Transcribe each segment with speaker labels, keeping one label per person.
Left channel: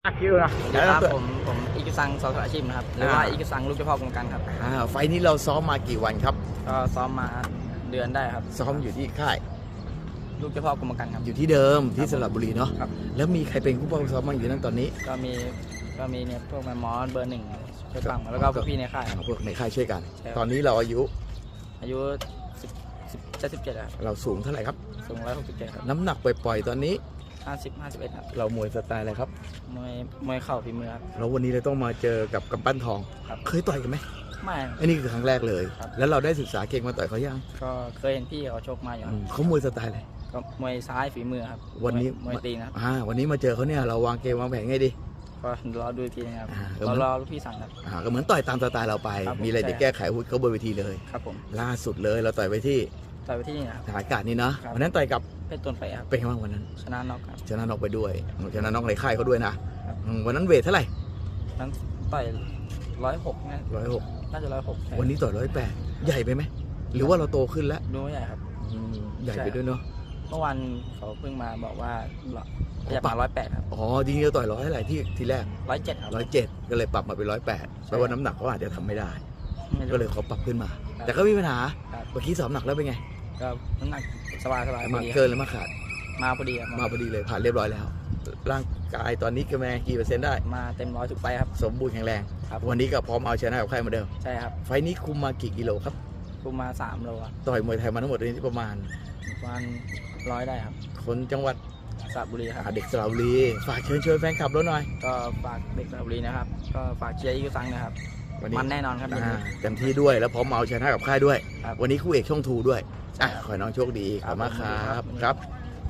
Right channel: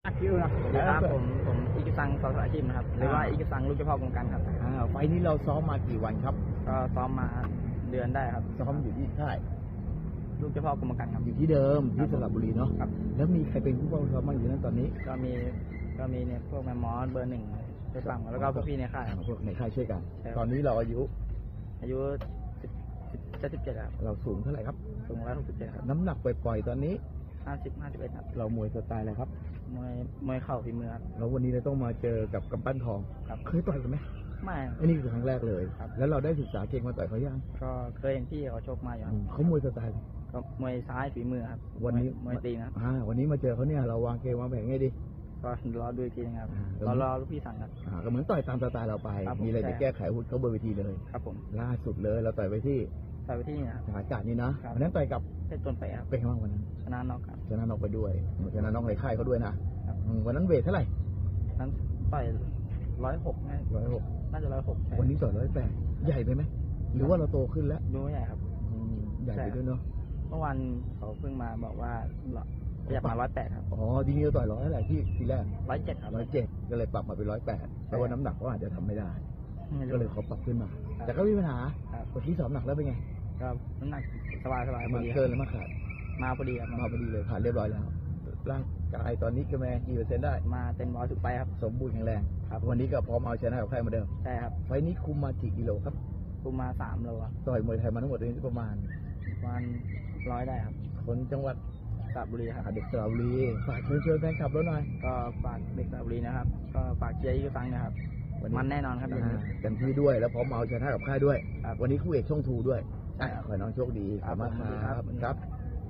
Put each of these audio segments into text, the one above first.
Speaker 1: คิวนะ
Speaker 2: สวัสดีครับผมอิกิซังสอสอาชีพนะครับหรือว่าอิกิซังลูกเจ้าพ่อกรมการครับ
Speaker 1: ไฟล์นี้เราซ้อมมากี่วันครับ
Speaker 2: ก็ซ้อมมาเดือนได้ครับ
Speaker 1: ซ้อมอยู่ที่ค่าย
Speaker 2: ลูกเจ้าพ่อกรมการครับ
Speaker 1: อยู่ที่เดิมที่
Speaker 2: ครับ
Speaker 1: สระบุรีเนาะ
Speaker 2: ครับ
Speaker 1: แล้วมีใครเป็นผู้ป้องซ้อมบ้างอยู่นั่นตอนนี้
Speaker 2: ก็มีเนี่ยพวกแมมมอสเบอร์หนึ่งช่วยฟังแล้วก็พวกพี่ในค่ายครับ
Speaker 1: พวกในค่ายช่วยกัน
Speaker 2: ใช่ครับ
Speaker 1: ตอนนี้เราอายุ
Speaker 2: อายุ17ครับ
Speaker 1: เราสูงเท่าไหร่ครับ
Speaker 2: สูง167ครับ
Speaker 1: น้ำหนักปล่อยๆตอนนี้
Speaker 2: 51ครับ
Speaker 1: เรามวยสไตล์อะไรครับ
Speaker 2: มวยเข่าฝีมือครับ
Speaker 1: แล้ววันนี้เราต้องมาเจอกับกำปั้นทอง
Speaker 2: ครับ
Speaker 1: เคยต่อยกันไหม
Speaker 2: ไม่
Speaker 1: อันนี้คือครั้งแรกเลย
Speaker 2: ครับ
Speaker 1: แล้วเราได้ศึกษาเก่งมาต่อยเขายัง
Speaker 2: ก็เคยเห็นพี่เขาชกมาอยู่ครับ
Speaker 1: เขามวยสไตล์อะไร
Speaker 2: ก็มวยซ้ายฝีมือครับ
Speaker 1: วันนี้
Speaker 2: มวยตีนะครับ
Speaker 1: วันนี้มาเจอเขาเนี่ยเราวางเกมวางแผนไงดี
Speaker 2: ก็รอดูอีกทีนะครับ
Speaker 1: อ่า
Speaker 2: รอลูกพี่สั่งครับ
Speaker 1: ก็เหมือนต่อยตามสไตล์เราไป
Speaker 2: ครับผม
Speaker 1: มีอะไร
Speaker 2: ใช่
Speaker 1: จะแก้ไขวุฒิเขาบนเวทีเลย
Speaker 2: ครับผม
Speaker 1: ล่าสุดเลยเราต่อยไปที่
Speaker 2: ต่อยไปที่นี่นะครับ
Speaker 1: ฐานอากาศนี่นะครับ วันนั้นต่อยกับ
Speaker 2: เพชรต้นไปครับ
Speaker 1: เป็นไงบ้างวันนั้น
Speaker 2: ชนะน็อกครับ
Speaker 1: ชนะน็อกไปด้วยชนะน็อกในค่ายเขาด้วยนะครับ วันนั้นเวทเท่าไหร่
Speaker 2: นั้นต่อย106นะ
Speaker 1: 106
Speaker 2: น่าจะ106ใช่
Speaker 1: วันนี้ต่อย108ใหญ่ไปไหมหรือว่าเราโตขึ้นแล้ว
Speaker 2: ดูไม่ใหญ่ครับ
Speaker 1: ใหญ่ไปด้วยเนาะ
Speaker 2: เมื่อวานเขาเพิ่งมาบอกว่าอยากมา108ครับ
Speaker 1: อ๋อจริงๆเราต่อย100เท่าไหร่ที่แรก
Speaker 2: 107ครับ
Speaker 1: 107ก็เลยปรับมาเป็น108แปลว่าน้ำหนักเขาอาจจะทำไม่ได้
Speaker 2: ไม่รู้
Speaker 1: ก็เลยเขาปรับขึ้นมา
Speaker 2: ครับ
Speaker 1: แต่ก็ไม่มีปัญหา
Speaker 2: ครับ
Speaker 1: เมื่อกี้สอบหนักแล้วเป็นไง
Speaker 2: ก็น้ำหนักสบายพอ
Speaker 1: มา
Speaker 2: ดีค
Speaker 1: เกิ
Speaker 2: รับ
Speaker 1: นหรือมาขาด
Speaker 2: มาพอดีครับ
Speaker 1: มาพอดีเลยผ่านเรียบร้อยแล้ว ร่างกายตอนนี้กำลังกี่เปอร์เซ็นต์ได้
Speaker 2: มาเต็มร้อยทุกไปครับ
Speaker 1: สมบูรณ์แข็งแรง
Speaker 2: ครับ
Speaker 1: วันนี้ก็พร้อมเอาชนะกับใครเหมือนเดิม
Speaker 2: ใช่ครับ
Speaker 1: ไฟล์นี้คุมมากี่กิโลครับ
Speaker 2: คุมมา3โลครับ
Speaker 1: ต่อยมวยไทยมาทั้งหมดนี้ประมาณ
Speaker 2: ประมาณ100ได้ครับ
Speaker 1: คนจังหวัด
Speaker 2: สระบุรีครับ
Speaker 1: เด็กสระบุรีฝากเชิญชวนแฟนคลับเราหน่อย
Speaker 2: ก็ฝากเด็กสระบุรีนะครับ ก็ฝากเชียร์อีกซังนะครับ
Speaker 1: วันนี้
Speaker 2: มันแน่นอนครับอย่างนี้
Speaker 1: เต็มที่ด้วยแล้วพร้อมเอาชนะกับค่ายด้วย
Speaker 2: ครับ
Speaker 1: วันนี้คู่เอกช่องทูด้วย
Speaker 2: ใช่ครับ
Speaker 1: ขอให้น้องโชคดีขอบคุณมากค
Speaker 2: ครั
Speaker 1: รับบ ครับ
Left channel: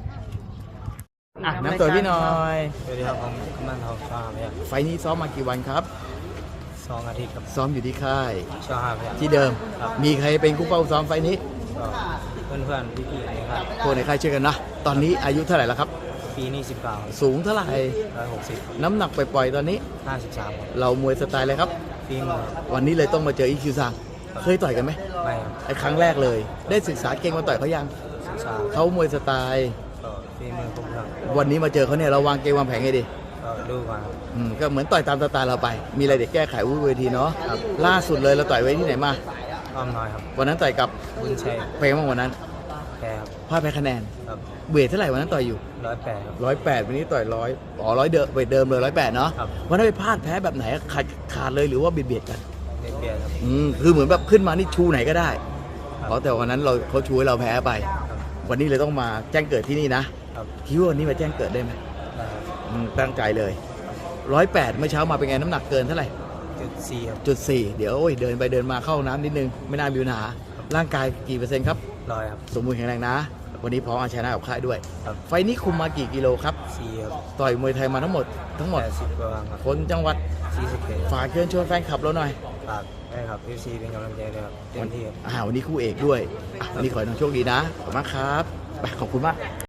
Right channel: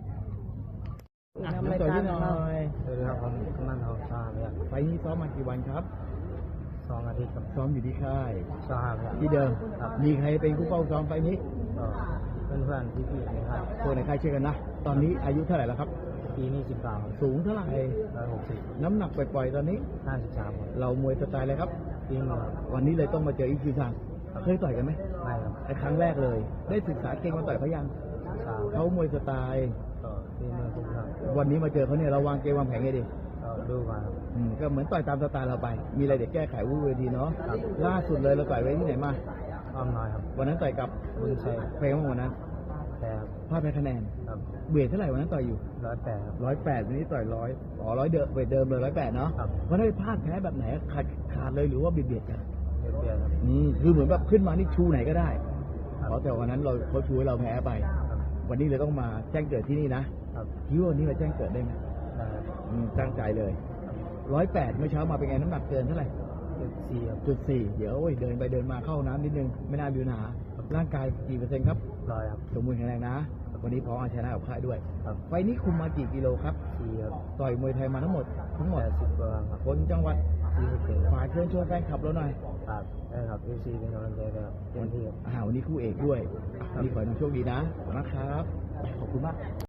Speaker 1: น้ำตัวพี่หน่อย
Speaker 3: สวัสดีครับผมกำนันทองชาพยัก
Speaker 1: ไฟล์นี้ซ้อมมากี่วันครับ
Speaker 3: 2 อาทิตย์กับ
Speaker 1: ซ้อมอยู่ที่ค่าย
Speaker 3: ชาพยัก
Speaker 1: ที่เดิม
Speaker 3: ครับ
Speaker 1: มีใครเป็นคู่เป้าซ้อมไฟล์นี้
Speaker 3: ก็เพื่อนๆพี่ๆนะครับ
Speaker 1: พวกในค่ายช่วยกันนะ ตอนนี้อายุเท่าไหร่แล้วครับ
Speaker 3: ปีนี้19
Speaker 1: สูงเท่าไหร่
Speaker 3: 160
Speaker 1: น้ำหนักปล่อยๆตอนนี้
Speaker 3: 53ครับ
Speaker 1: เรามวยสไตล์อะไรครับ
Speaker 3: ปีมือ
Speaker 1: วันนี้เลยต้องมาเจออีคิวซังเคยต่อยกันไหม
Speaker 3: ไม่ครับ
Speaker 1: ไอ้ครั้งแรกเลย ได้ศึกษาเก่งมาต่อยเขายัง
Speaker 3: ศึกษา
Speaker 1: เขามวยสไตล์
Speaker 3: ก็ปีมือครบครับ
Speaker 1: วันนี้มาเจอเขาเนี่ยเราวางเกมวางแผนไงดี
Speaker 3: ก็ดูมาครับ
Speaker 1: ก็เหมือนต่อยตามสไตล์เราไป มีอะไรเด็กแก้ไขวุ้เวทีเนาะ
Speaker 3: ครับ
Speaker 1: ล่าสุดเลยเราต่อยไว้ที่ไหนมา
Speaker 3: อ้อมน้อยครับ
Speaker 1: วันนั้นต่อยกับ
Speaker 3: บุญชัย
Speaker 1: เพลงบ้างวันนั้น
Speaker 3: แพ้ครับ
Speaker 1: พลาดแพ้คะแนน
Speaker 3: ครับ
Speaker 1: เวทเท่าไหร่วันนั้นต่อยอยู่
Speaker 3: 108ครับ
Speaker 1: 108วันนี้ต่อย100100เดิมเวทเดิมเลย108เนาะ
Speaker 3: ครับ
Speaker 1: วันนั้นไปพลาดแพ้แบบไหนขาดเลยหรือว่าเบียดกัน
Speaker 3: เบียดครับ
Speaker 1: คือเหมือนแบบขึ้นมานี่ชูไหนก็ได้
Speaker 3: ครับ
Speaker 1: เพราะแต่วันนั้นเขาชูให้เราแพ้ไป
Speaker 3: ครับ
Speaker 1: วันนี้เลยต้องมาแจ้งเกิดที่นี่นะครับ คิดว่าวันนี้มาแจ้งเกิดได้ไหม
Speaker 3: ได้ครับ
Speaker 1: ตั้งใจเลย108เมื่อเช้ามาเป็นไงน้ำหนักเกินเท่าไหร่
Speaker 3: 4ครับ
Speaker 1: 4เดี๋ยวเดินไปเดินมาเข้าน้ำนิดนึงไม่น่ามีปัญหาร่างกายกี่เปอร์เซ็นต์ครับ
Speaker 3: 100ครับ
Speaker 1: สมบูรณ์แข็งแรงนะ วันนี้พร้อมเอาชนะกับค่ายด้วย
Speaker 3: ครับ
Speaker 1: ไฟล์นี้คุมมากี่กิโลครับ
Speaker 3: 4ครับ
Speaker 1: ต่อยมวยไทยมาทั้งหมด
Speaker 3: 80กว่าครับ
Speaker 1: คนจังหวัด
Speaker 3: 41
Speaker 1: ฝากเชิญชวนแฟนคลับเราหน่อย
Speaker 3: ฝากได้ครับ FC เป็นกำลังใจด้วยครับเต็มที่ครับ
Speaker 1: วันนี้คู่เอกด้วยวันนี้ขอให้น้องโชคดีนะขอบคุณมากครับไปขอบคุณมาก